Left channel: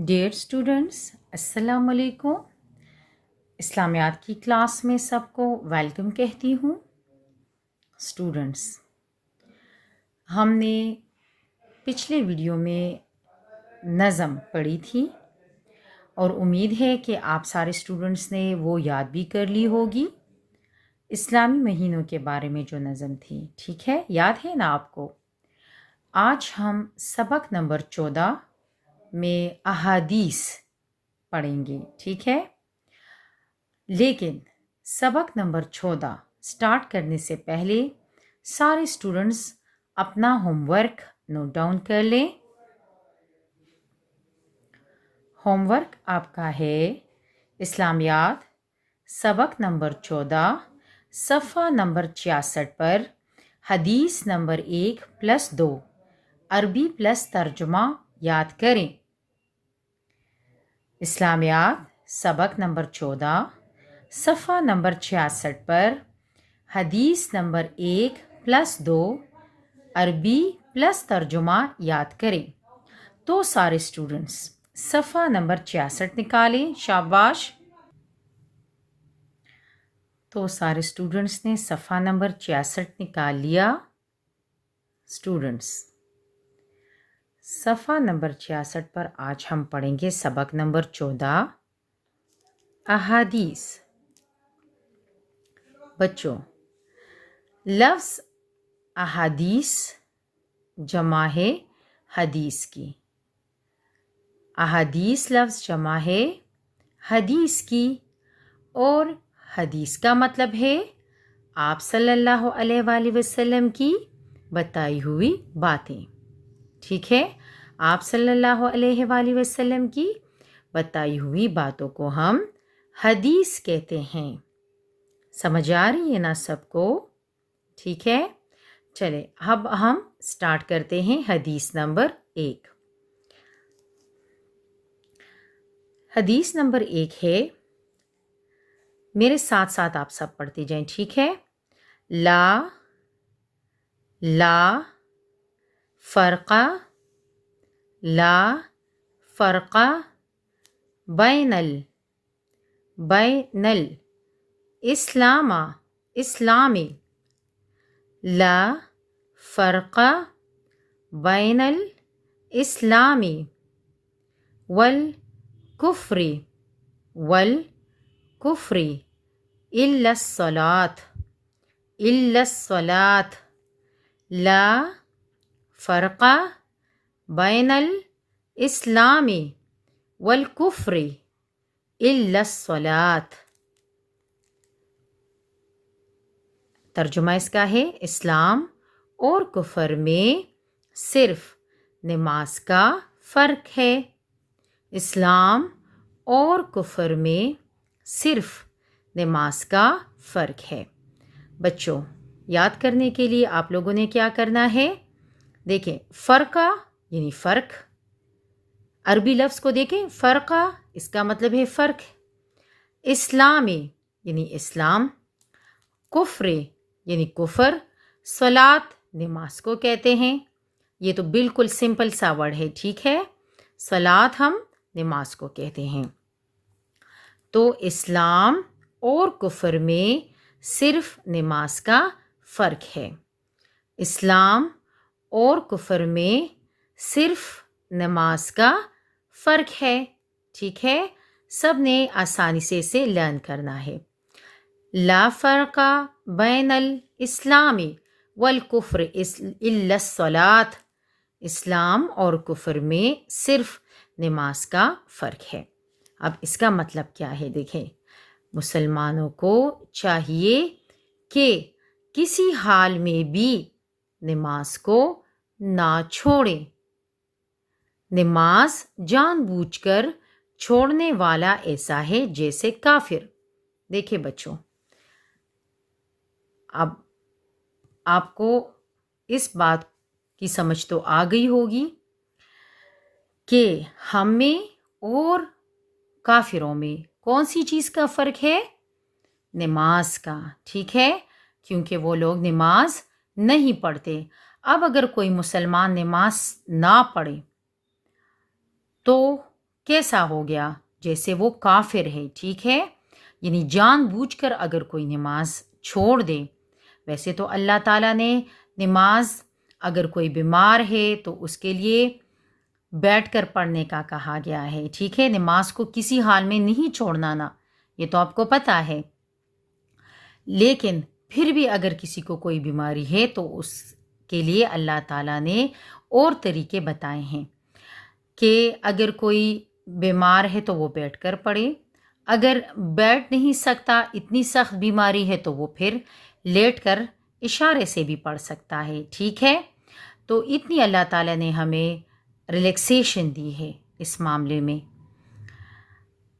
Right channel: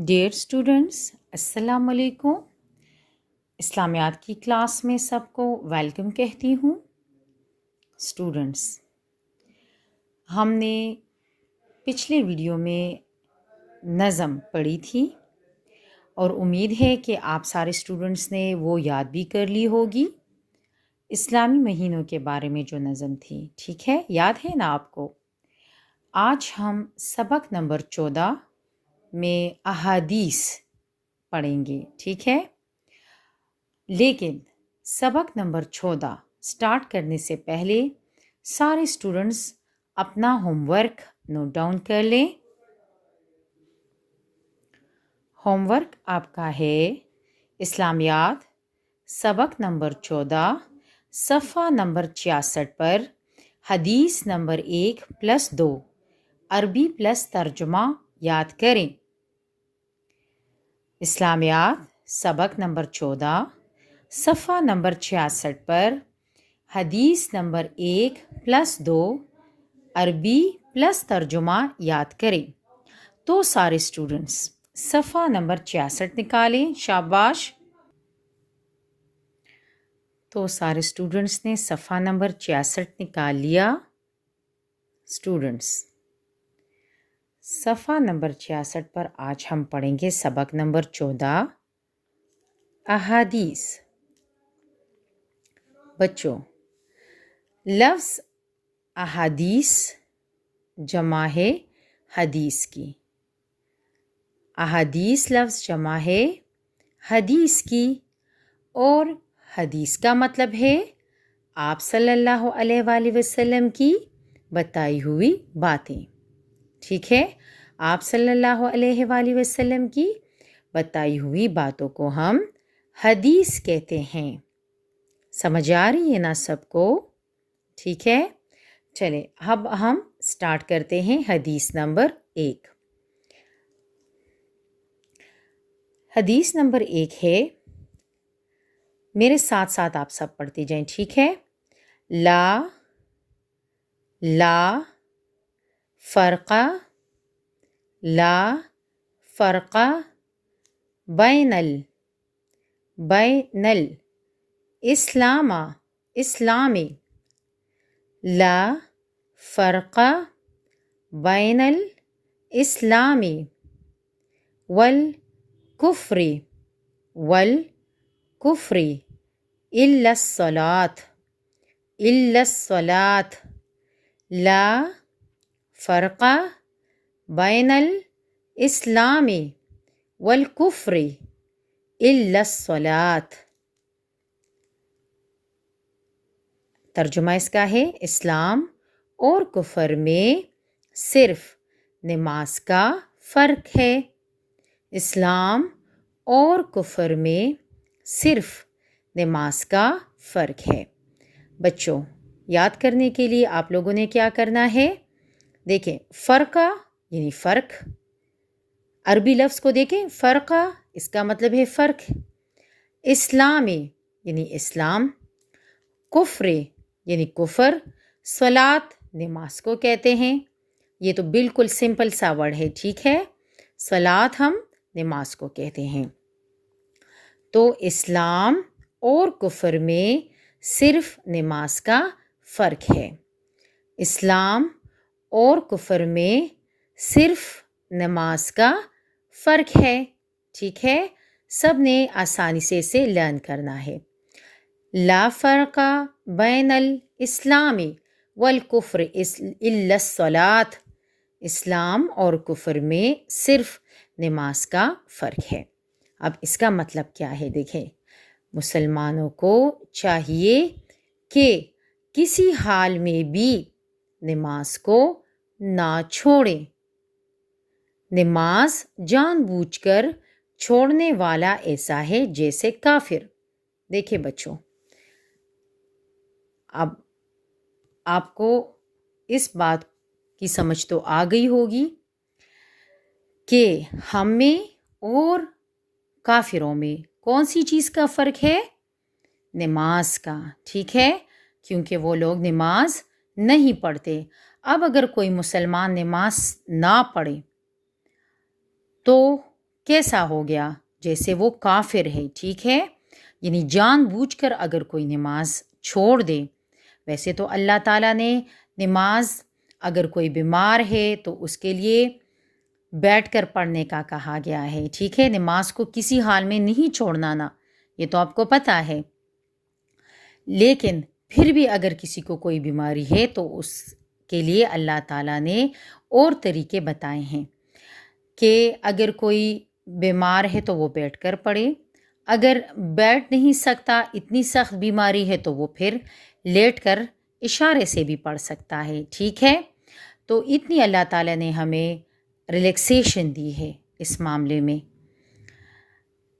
Dear students, السلام علیکم۔ اسلامیات کی کلاس میں سب کو ویلکم کہتی ہوں۔ اسٹوڈنٹس، ہم نے پچھلے ویڈیو میں نظم پڑھی تھی اور امید ہے کہ آپ سارے اسٹوڈنٹس نے وہ یاد بھی کر لی ہوگی۔ اسلامی مہینوں کے بارے میں جو نظم تھی، ٹھیک ہے، یاد ہے نا آپ کو؟ آج ہم سبق نمبر 14 میں احادیث پڑھیں گے، ٹھیک ہے؟ لیکن سبق نمبر 14 سٹارٹ کرنے سے پہلے سارے اسٹوڈنٹس اپنا ہوم ورک نوٹ ڈاؤن کر لیں۔ ہوم ورک آپ کا ہے اسلامیات سبق نمبر 14 صفحہ نمبر 66 پر حدیث نمبر 1+2 عربی پلس ترجمہ یاد کریں۔ اسلامیات سبق نمبر 14 صفحہ نمبر 66 پر حدیث نمبر 1+2 عربی پلس ترجمہ یاد کریں۔ تو سارے اسٹوڈنٹس صفحہ نمبر 66 نکالیں، شاباش۔ تو سارے اسٹوڈنٹس نے صفحہ نمبر 66 نکال لیا۔ اسٹوڈنٹس، صفحہ نمبر 66 پر آج ہم پڑھیں گے سبق نمبر 14 احادیث۔ بچوں، لفظ احادیث جمع ہے حدیث کی۔ احادیث لفظ جمع ہے حدیث کی، اور حدیث کا مطلب ہے آپ صلی اللہ علیہ وآلہ وسلم کی بتائی ہوئی باتیں، ٹھیک ہے؟ آپ صلی اللہ علیہ وآلہ وسلم کی بتائی ہوئی باتوں کو ہم حدیث کہتے ہیں۔ سمجھ آ رہی ہے نا سب کو؟ ٹھیک ہے، چلے اب ہم سٹارٹ کرتے ہیں حدیث نمبر 1۔ حدیث نمبر 1 ہے، میرے ساتھ ساتھ آپ سب پڑھتے جائیں، ٹھیک ہے؟ لا فرقہ بین الاسلام لا فرقہ بین الاسلام والکفر الا الصلاۃ لا فرقہ بین الاسلام والکفر الا الصلاۃ۔ ترجمہ اس کا ہے، اسلام اور کفر میں صرف نماز کا فرق ہے۔ اسلام اور کفر میں صرف نماز کا فرق ہے۔ بچوں، یاد کرنے کے لیے آپ لوگوں نے کیا کرنا ہے؟ دیکھیں، فرقہ یعنی فرق، عربی لفظ کو دیکھیں، فرقہ اس کا مطلب ہے فرق۔ اسلام یعنی اسلام، کفر یعنی کفر، صلاۃ نماز کو کہتے ہیں۔ یہ تو بالکل سمپل سا ورڈ ہے، ٹھیک ہے؟ صلاۃ ہم نماز کو کہتے ہیں۔ تو اسلام اور کفر میں صرف نماز کا فرق ہے۔ اسلام اور کفر میں صرف نماز کا فرق ہے، ٹھیک ہے؟ سب نے آسانی سے اسے لرن کرنا ہے۔ لا فرقہ بین الاسلام والکفر الا الصلاۃ، اسلام اور کفر میں صرف نماز کا فرق ہے۔ اب اس کا مطلب کیا ہے؟ دیکھیں، مسلمانوں کو چاہیے کہ کسی حال میں بھی نماز کو نہ چھوڑیں۔ نماز جان بوجھ کر چھوڑنے والا ایسا ہے جیسے کافر۔ دیکھیں بچوں، اب آپ کو اس بات کی سمجھ تو آ گئی ہوگی کہ ہم میں اور کافروں میں کون سی چیز کا فرق ہے؟ نماز کا، ٹھیک ہے؟ کیونکہ وہ لوگ نماز نہیں پڑھتے۔ اب اگر کوئی مسلمان نماز نہ پڑھے تو کیسا ہو گیا؟ جیسے وہ کافر ہے، ٹھیک ہے، یعنی جان بوجھ کر اگر کوئی نماز چھوڑ دے. ویسے تو اللہ تعالیٰ نے نماز اگر کوئی بیمار ہے تو اس کے لیے بیٹھ کر پڑھنے کا کہا گیا ہے، ٹھیک ہے، نماز کو کسی حال میں نہیں چھوڑنا نا، یہ تو آپ کو پتہ ہے. لیکن پھر بھی اگر کسی کو کوئی بیماری ہے تو اس کے لیے اللہ تعالیٰ نے اور طریقے بتائے ہیں کہ اگر کوئی بیمار ہے تو وہ بیٹھ کر پڑھے، اگر بیٹھ نہیں سکتا، اتنی سخت بیماری ہے تو وہ پھر لیٹ کر اشارے سے بھی پڑھ سکتا ہے، ٹھیک ہے. تو اتنی اللہ تعالیٰ نے ہمیں ریلیکسیشن دی ہے اس معاملے میں،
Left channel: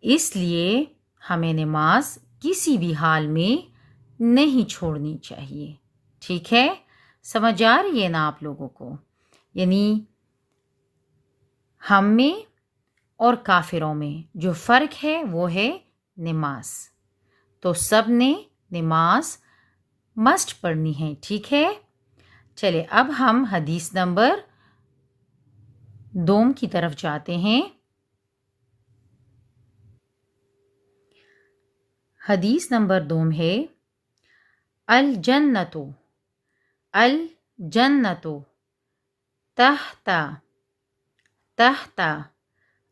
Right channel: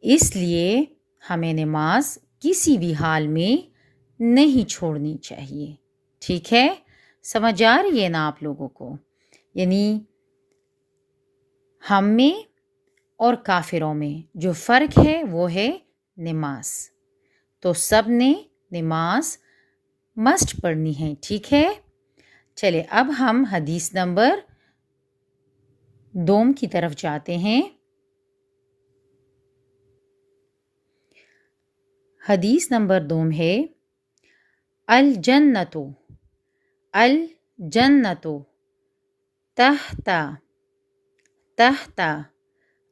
اس لیے ہمیں نماز کسی بھی حال میں نہیں چھوڑنی چاہیے، ٹھیک ہے. سمجھ آ رہی ہے نا آپ لوگوں کو؟ یعنی ہم میں اور کافروں میں جو فرق ہے وہ ہے نماز. تو سب نے نماز مسٹ پڑھنی ہے، ٹھیک ہے. چلے اب ہم حدیث نمبر 2 کی طرف جاتے ہیں. حدیث نمبر 2 ہے الجنت تحت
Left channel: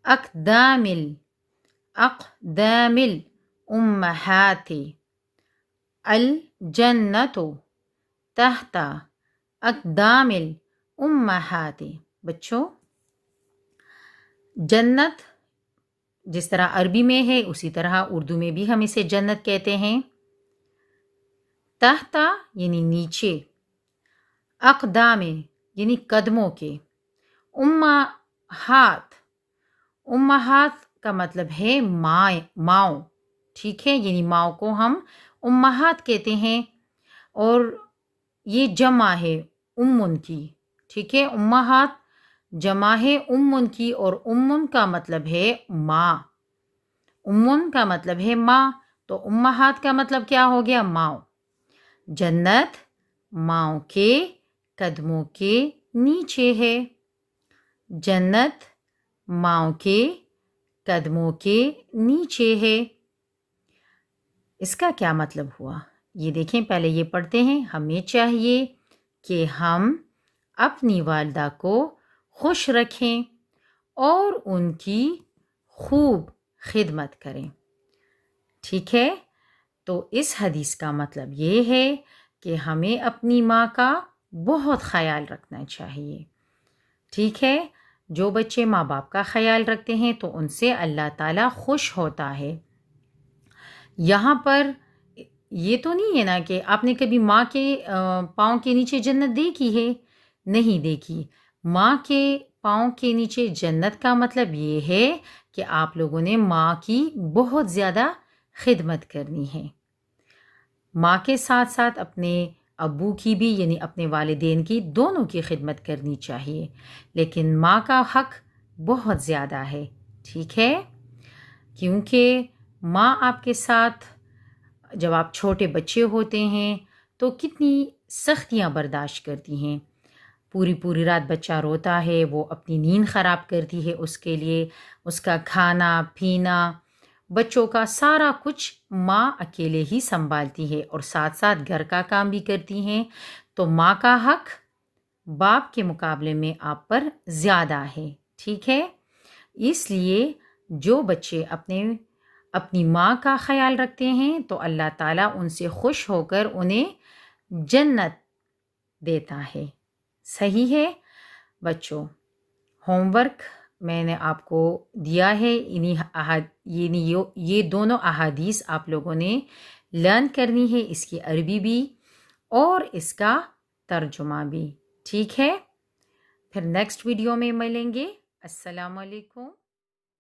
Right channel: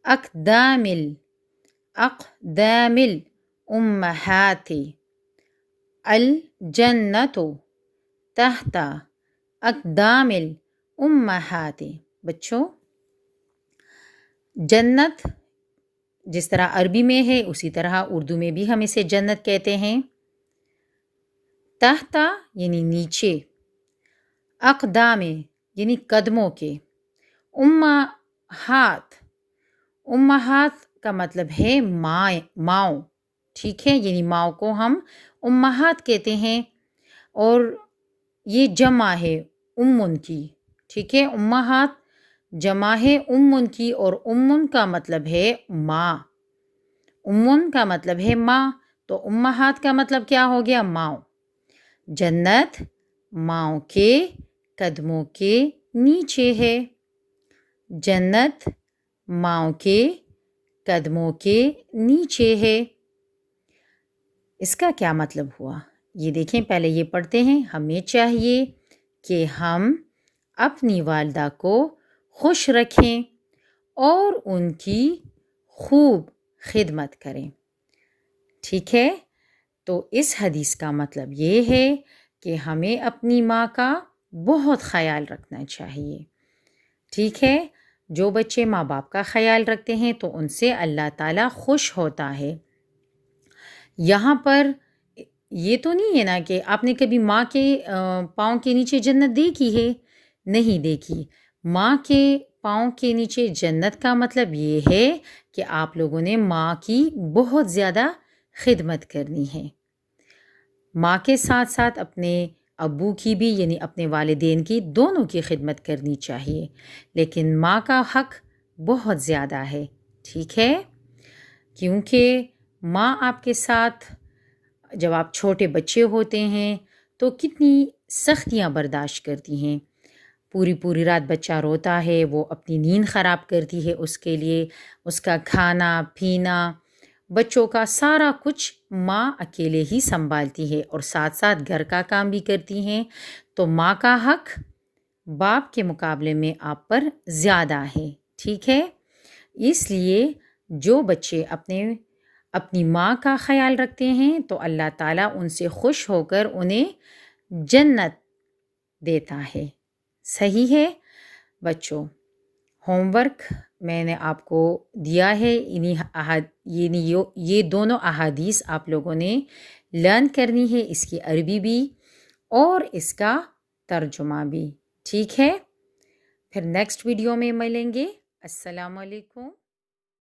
اقدام الامہات. الجنت تحت اقدام الامہات. بچوں، جنت جس طرح عربی میں ہے اسی طرح اردو میں بھی ہم اسے جنت کہتے ہیں. تحت یعنی نیچے، اقدام یعنی قدموں کے، امہات کا مطلب ہے ماؤں، ٹھیک ہے، یعنی ماؤں کو ہم امہات کہتے ہیں اور یہ جمع ہے امن کی، ٹھیک ہے. امہات جمع ہے امن کی اور امن کا مطلب ہے ماں، امن کا مطلب ہے ماں، تو امہات کا مطلب کیا ہو گیا؟ ماؤں. جنت ماؤں کے قدموں کے نیچے ہے، جنت ماؤں کے قدموں کے نیچے ہے. اس کا کیا مطلب ہوا؟ یہ دیکھیں، پہلے یہ پڑھتے ہیں. ہمیں چاہیے کہ ہم اپنی والدہ کو خوش رکھیں اور ان کی خوب خدمت کریں، ٹھیک ہے. تو اس حدیث کا مطلب یہ ہے کہ ہمیں اپنی ماں کا بہت خیال رکھنا چاہیے، ٹھیک ہے. جو بچے ماں باپ کا خیال رکھتے ہیں تو ان سے اللہ تعالیٰ خوش ہوتا ہے. یہاں پر یہ تو نہیں ہے نا کہ آپ نے کبھی ماں کے پاؤں کے نیچے جنت دیکھی ہے؟ نہیں دیکھی. ماں کے پاؤں کے نیچے جنت کا مطلب یہ ہے کہ آپ لوگوں نے ماں کی بہت زیادہ خدمت کرنی ہے. ماں کے ساتھ ساتھ اپنے ابو کی بھی، یعنی اپنے والدین کی، دونوں کی خدمت کرنی چاہیے، لیکن ماں کا حق بہت زیادہ ہے، ٹھیک ہے. کیونکہ ماں آپ کے ساتھ جب آپ چھوٹے بچے ہوتے ہیں تو کتنی سختیاں برداشت کرتی ہیں. پوری رات بچہ روتا ہے، وہ اپنی نیند خراب کرتی ہے اس کے لیے، اس کا کھانا پینا، بچوں کا سارا کچھ ماں اکیلے ہی سنبھالتی ہے اور ساتھ ساتھ گھر کا کام بھی کرتی ہیں. تو ماں کا حق باپ کے مقابلے میں آپ پر زیادہ ہے، ٹھیک ہے. اس لیے جو بچے اپنی ماں کا خیال رکھتے ہیں تو اللہ تعالیٰ ان سے خوش ہو کر انہیں جنت دیتا ہے. صحیح ہے بچوں. ہوم ورک میں نے آپ کو دیا ہے، یہ دونوں احادیث آپ لوگوں نے لرن کرنی ہے، اس کی عربی بھی اور اس کا ترجمہ بھی، ٹھیک ہے. پھر نیکسٹ ویڈیو میں ملیں گے. السلام علیکم.